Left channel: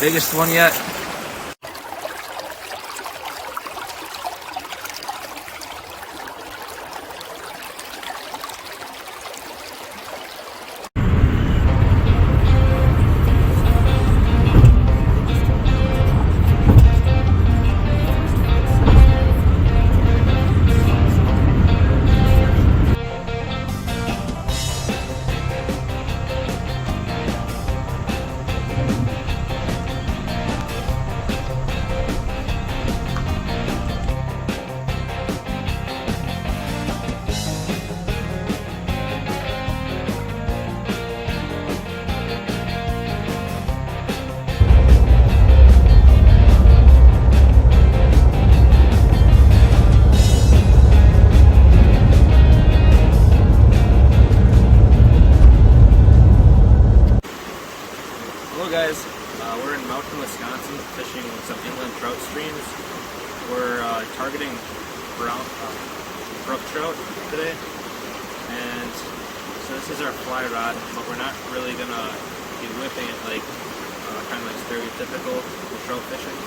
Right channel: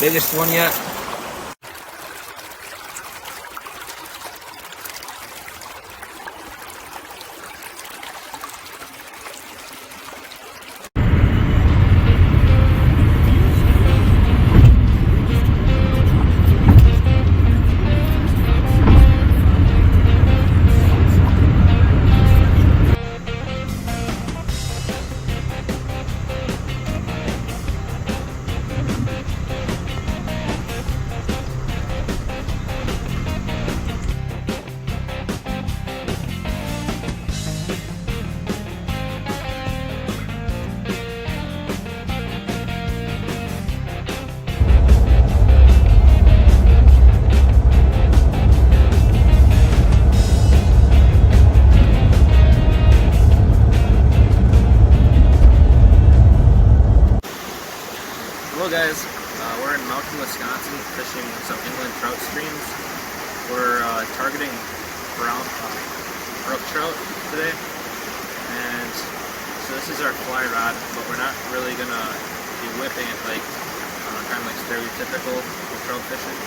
Biggest one yet. Hello guys, we're in Mountain, Wisconsin, fishing some inland trout streams. We're targeting Brook Trout today, and so this is our fly rod, but we're not really going to be whipping it like kind of like stereotypical with trout fishing.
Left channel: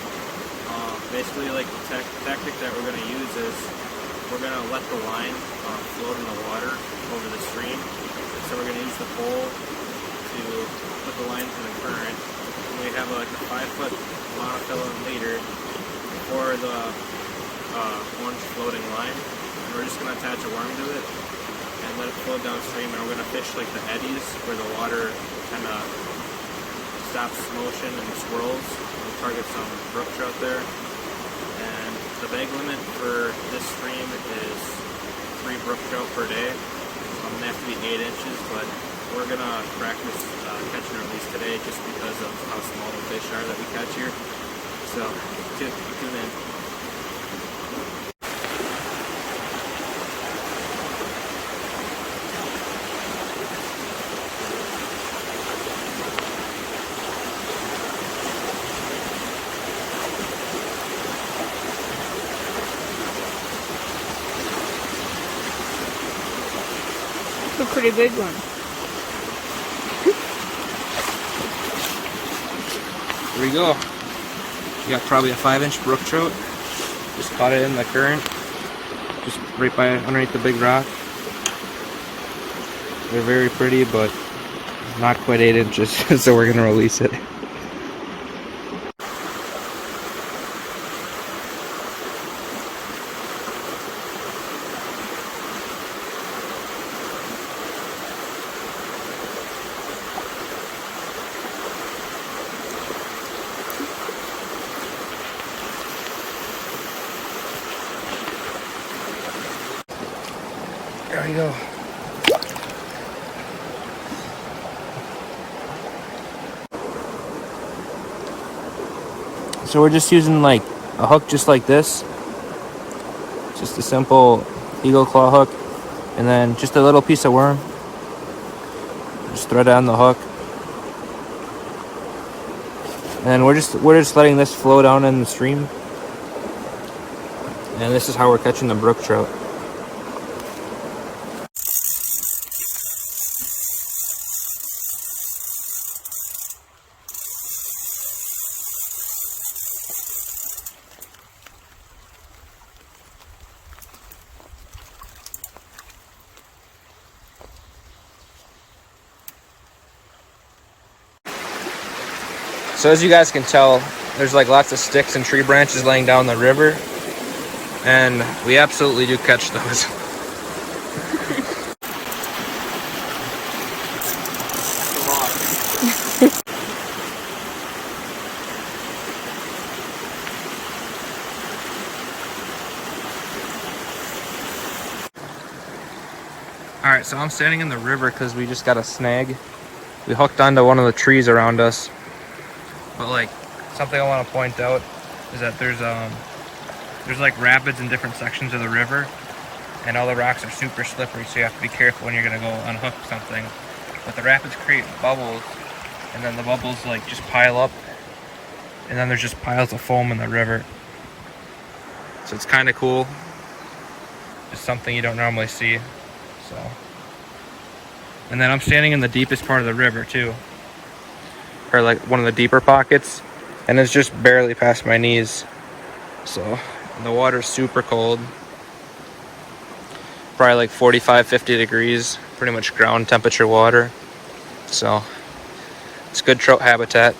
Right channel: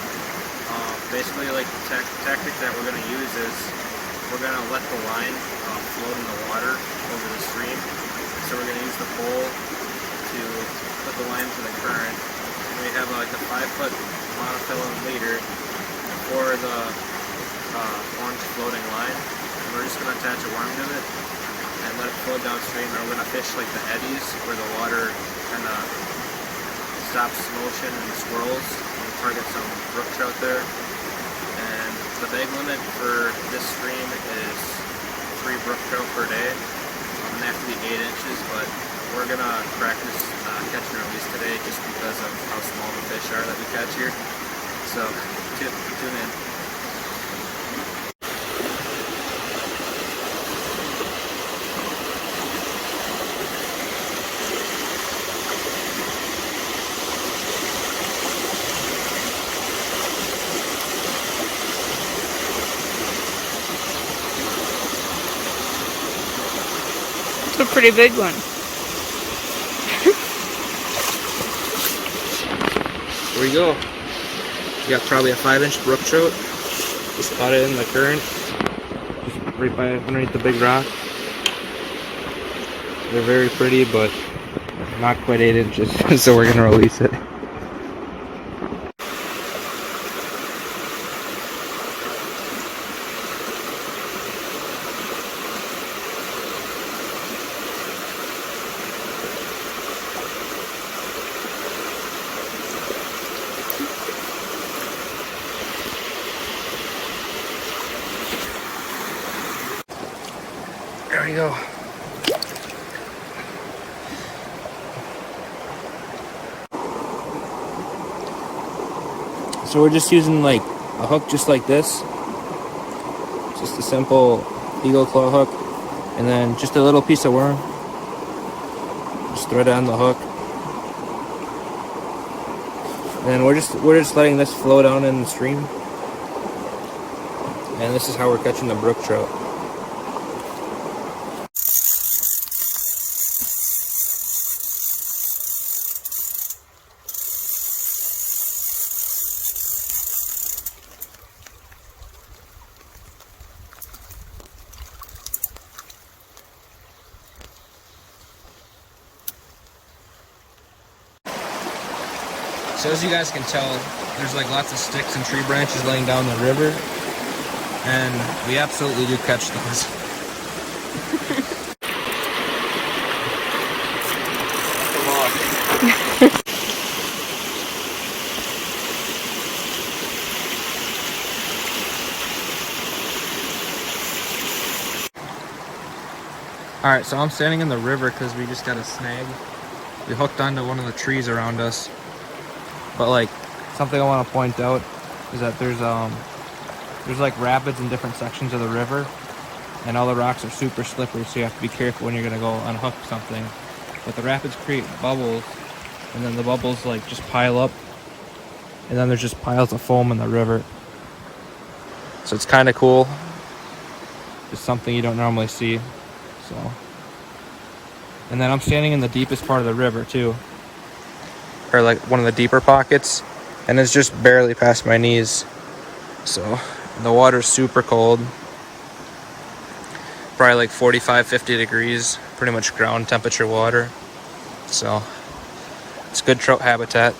Basically, like the tactic that we're going to use is we're going to let the line float in the water over the stream. So we're going to use the pole to put the line to the current. And we have like a 5-foot monofilament leader for the orange floating line. And we're just going to attach a worm to it and let it float downstream. And we're going to fish like the eddies where the water kind of stops motion and swirls. And we target some brook trout there. And the bag limit for this stream is 3 brook trout per day. They have to be 8 inches, but we're going to practice catch and release today just because of how small the fish are that we catch here. So, tune in. It's a pretty big one. There we go. We got probably a 5-inch brook trout. Just caught it in the current. Just right by underneath the big rock. They're very pretty, but not quite 8 inches, so we're gonna release it. There we go. So we're just using like a hook just like this. Just a simple eagle claw hook. And then just a little piece of worm. Just throw it on the hook. And we're just letting this flow down in the stream. And this is how we're catching the brook trout. So as you guys can tell, there's like lots of sticks and tree branches laying down the river, and we absolutely do catch those. That's a lot. Alright, so I'm standing in the river because we just got a snag. We hooked onto one of the trees around us. But like, something I want to point out is that there's like rapids in different sections of the river, and all the rocks are super slippery, so you have to be careful when you're gonna go unhook something. But the rapids create bubbles, and then the bubbles like just pile up, and then there's just piles of foam in the river. So it's kind of cool. Just something you don't normally see. So And then I'm standing in the deepest part of the river too. Or like one of the deeper pockets. And it's just barely past my knees. So the water's super cold. Probably like 45, 50 degrees. Pretty much ground temperature water. So it's good trout habitat.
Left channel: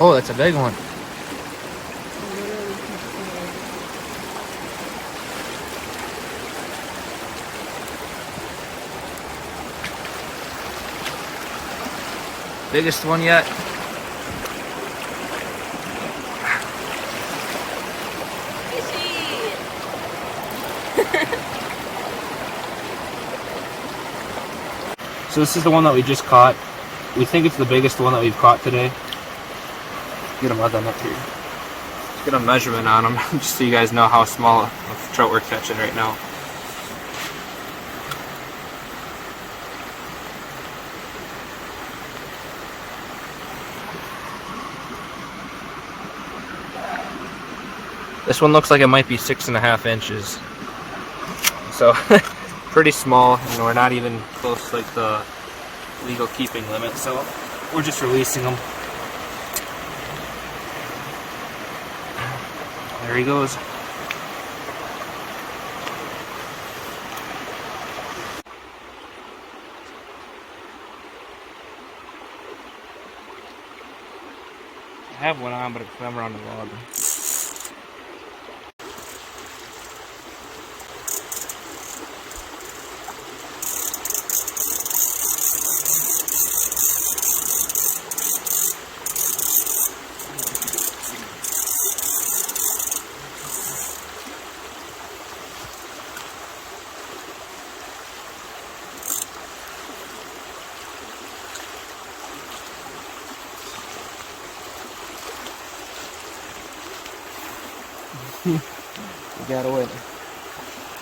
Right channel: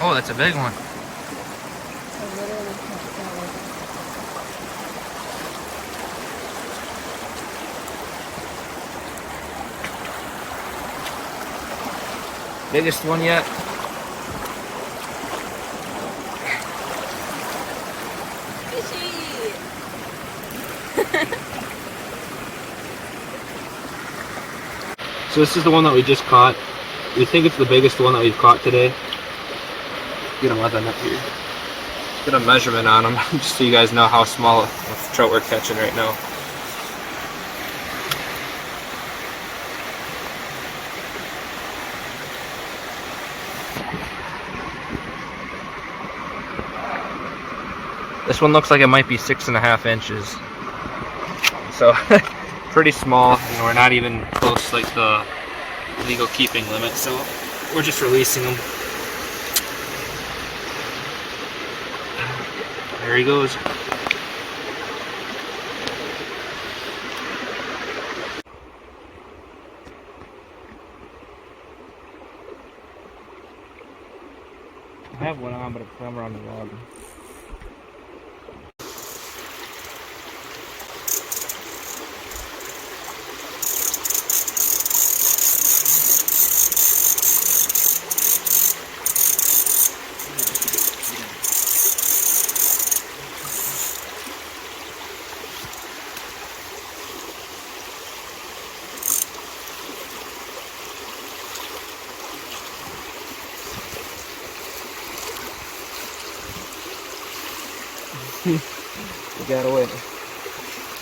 Oh, that's a big one. Biggest one yet. So this is the one that we just caught. We think it's the biggest one that we've caught today. Get him leather up here. Get a measurement on him, just so you guys know how small of trout we're catching right now. This one looks like it might be 6.5 inches. So pretty small, and we're not even close to like the legal keeping limit, so we're just releasing them. There he goes. I have one on, but it's swam around the log. He got away.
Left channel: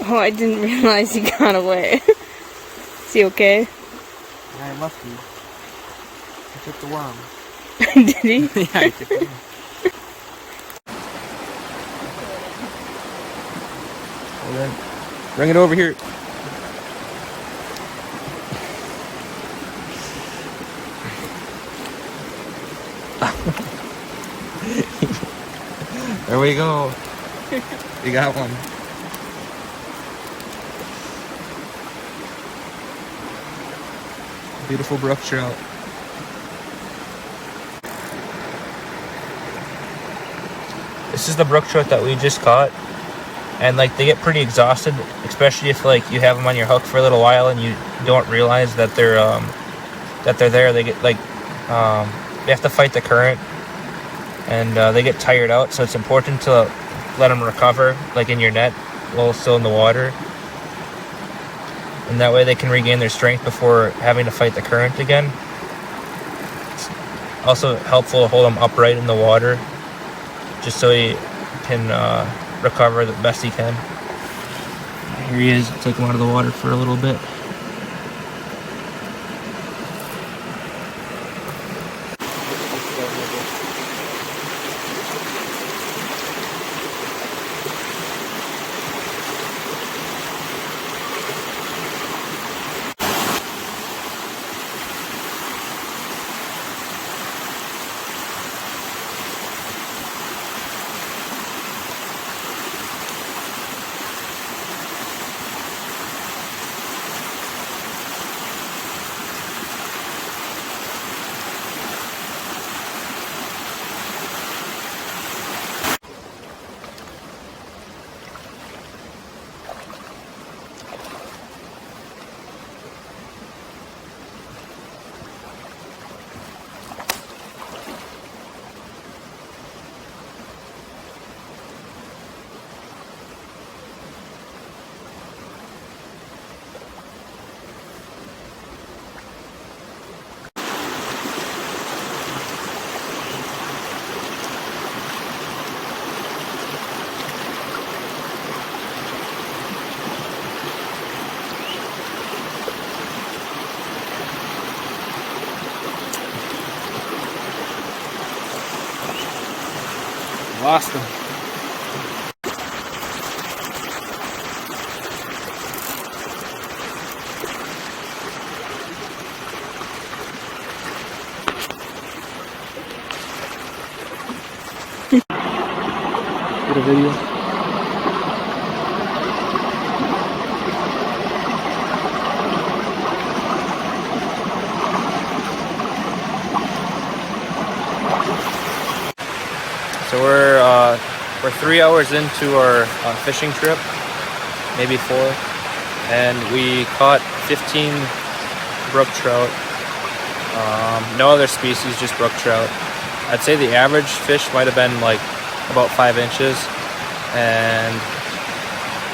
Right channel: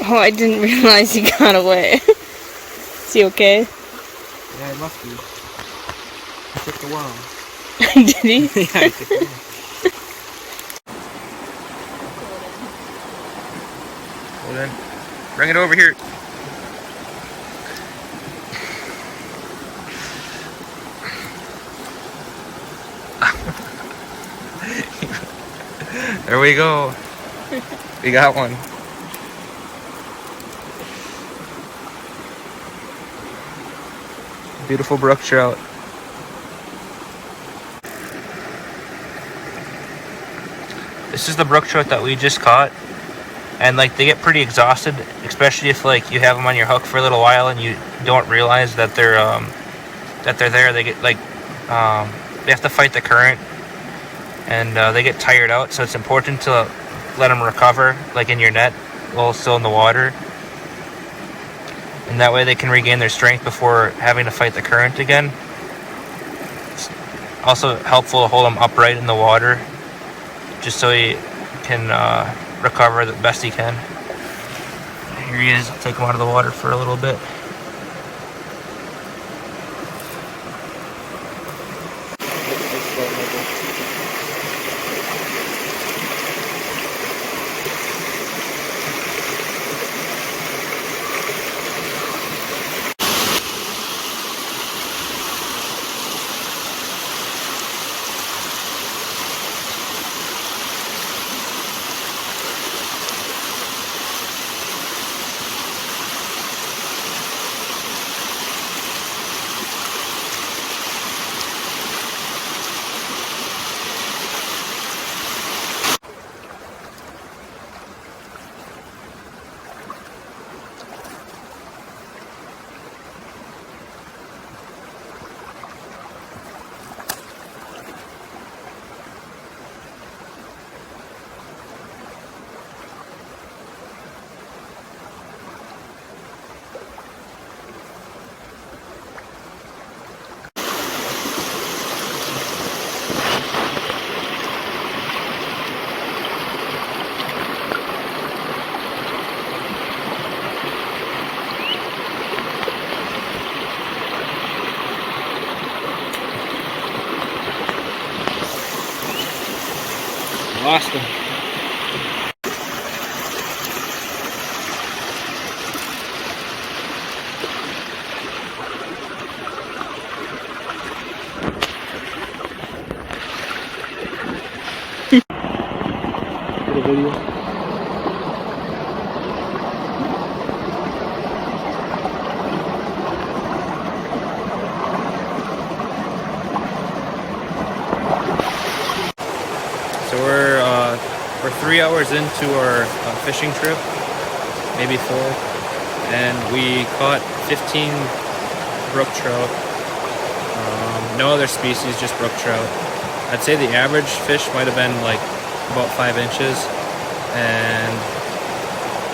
Oh, I didn't realize he got away. Is he okay? Yeah, he must be. He took the worm. Did he? Yeah, he took the worm. Well then, bring it over here. There we go. We got one. Beautiful brook trout. This is the brook trout that we just caught, and like they get pretty exhausted, especially if like you have them on your hook for a little while and you don't realize that they're there. They get like they have to fight the current, and they get tired out. So it's important to let them recover, like in your net, while still in the water, and that way they can regain their strength before having to fight the current again. It's also helpful to hold them upright in the water, just so he can recover the best he can. Here he is. Take him out of the water for a little bit. lost him. Get a video. So we're 3 hours into our fishing trip, maybe 4, and we caught 15 brook trout. No other species, just brook trout. I'd say the average fish might have been like about 5 inches, and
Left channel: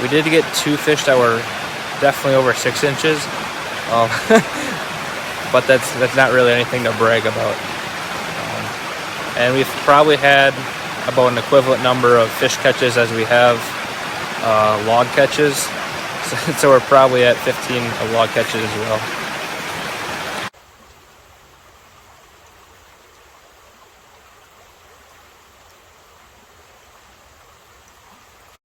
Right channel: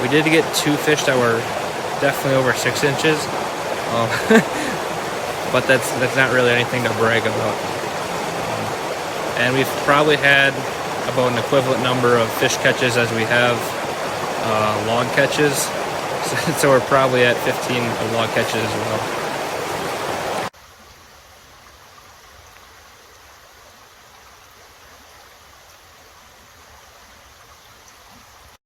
we did get 2 fish that were definitely over 6 inches, but that's not really anything to brag about. And we've probably had about an equivalent number of fish catches as we have log catches, so we're probably at 15 log catches as well.